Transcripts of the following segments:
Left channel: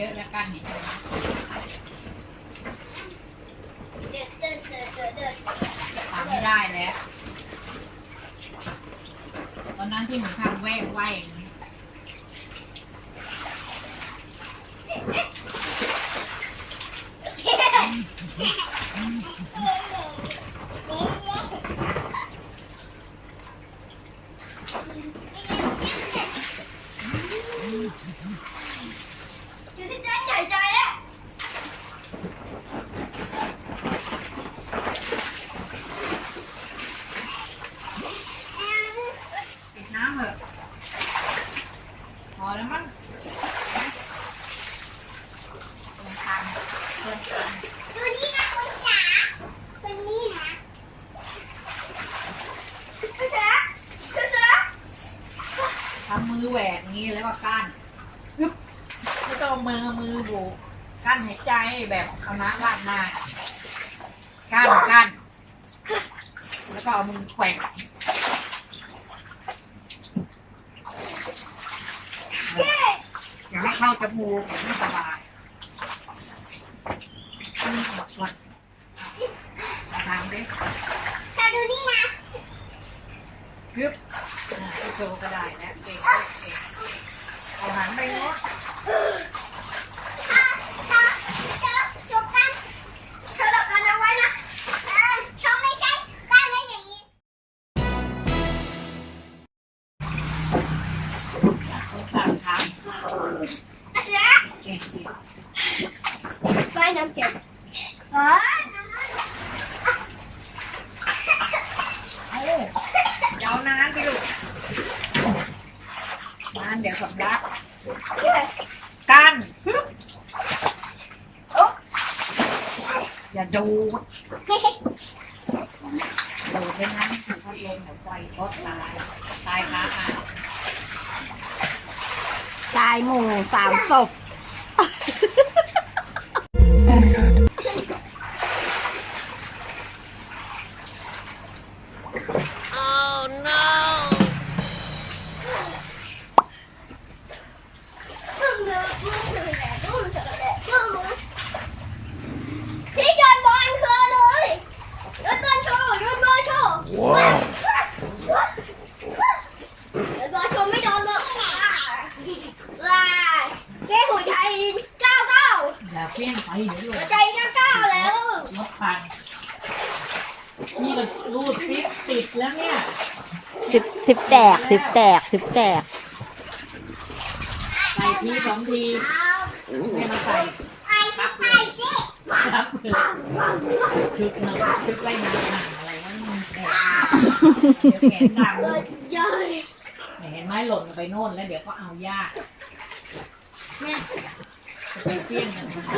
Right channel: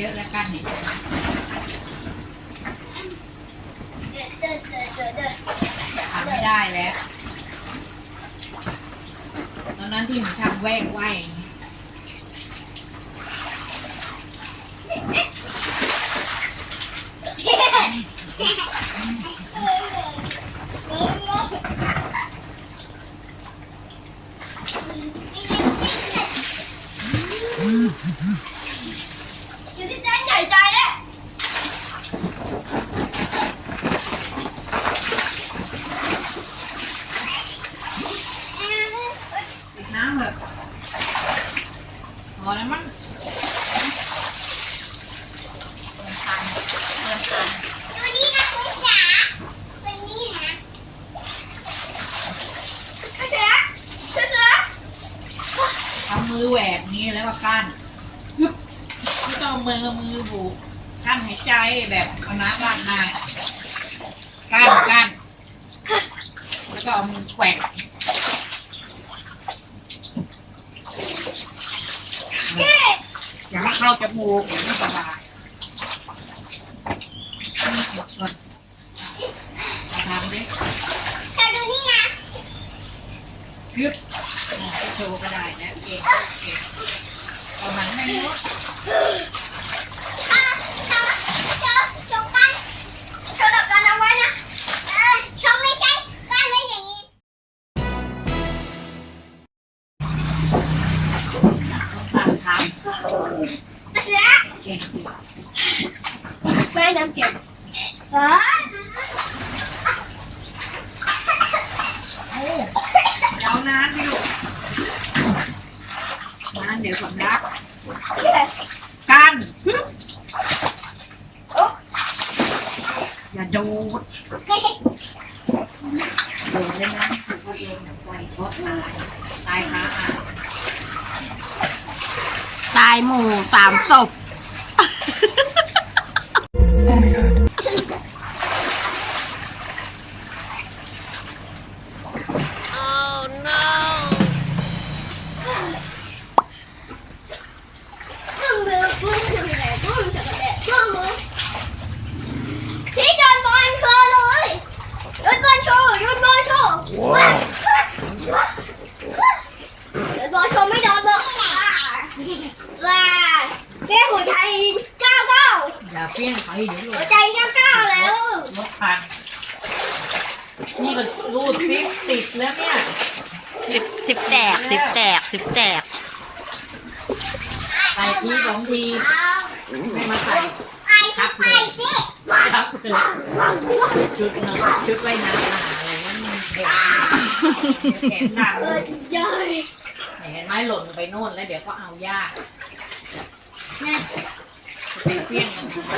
เยอะแล้วกันเนี่ยทำไม่ได้แล้ว ตอนนั้นที่หนูทำแว่งไหวอย่างนี้ ใหญ่ใจแล้ว ปิดน้ำเถอะ พอแล้วมั้งติมตันเติมตันดูนี่นะคุณจ๋าคุณนี่นะคุณจ๋าคุณจ๋าทำมือแหวกนี้แล้วก็กั้นฮึบไม่ต้องมือมือบุกกั้นหายใจแบบเอาน้ำราดน้ากั้นกั้นแล้วก็เอามือแขวก อย่าให้เข้าจมูกไม่สบายอืมหมดก่อนเอาทำดิจะดูนี่นะกึบโชว์ก็ได้นะเก่งเก่งเอาหันไปนู้น นานไปลูกนานเดี๋ยวสำลักกันฮึบโอ้อย่าดูดดูดเลยนะถูกพัดลมเดี๋ยวไฟช็อตตายตายขาอะตายหมู่สามศพ อย่าเพี้ยงไปเดี๋ยวหหัลุวดใจเก้าเก้าแล้ว รถพันนี่ก็รูดซิปติดแล้วเนี่ยสิบสิบแตกสิบแตกสิบแตกใส่ทีสองทีไม่มาใส่ไอ้สิไปสิครับเลยชุดนอนชุดไว้น้ำหาอะไรนั่นแขนเดี๋ยวแขนดำเออเย้ยเนี่ยเห็นไหมหล่นไปโน่นแล้วเดี๋ยวก็เอายาก แม่ จะไปเปี้ยงมันทำไม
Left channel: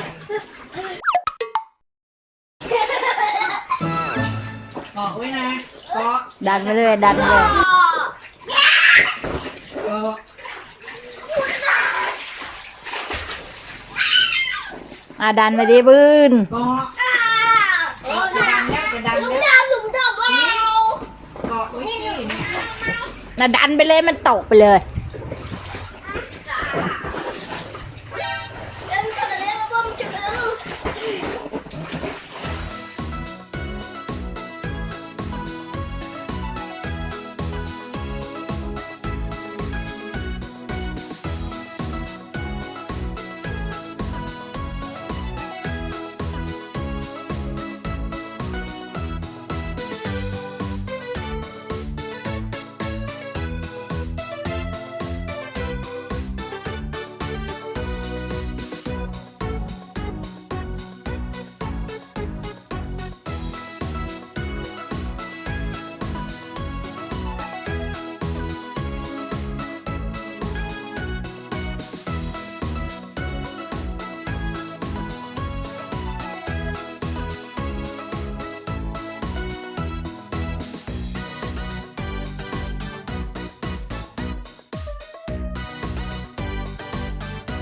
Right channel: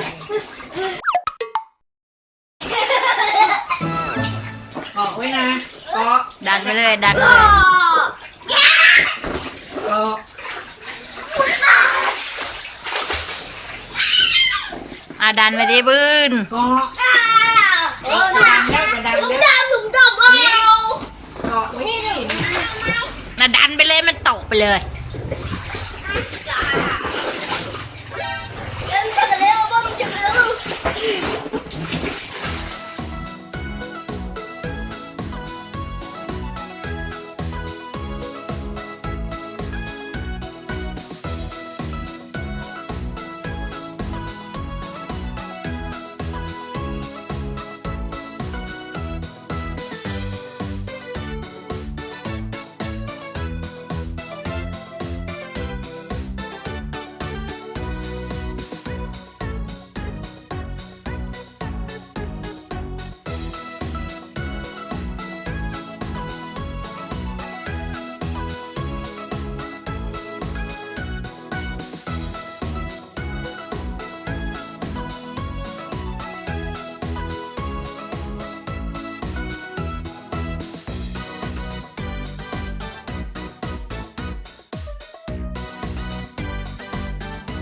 เกาะไว้นะเกาะดันไปเลยดันไปโอ้เลยเกาะอะดันไปดิบืนเกาะโอ้จะดดันแล้วจะดันหลุมแล้วดำหลุมดำเอาเกาะไว้ที่นี่น่ะดันไปเลยมันตกไปเลย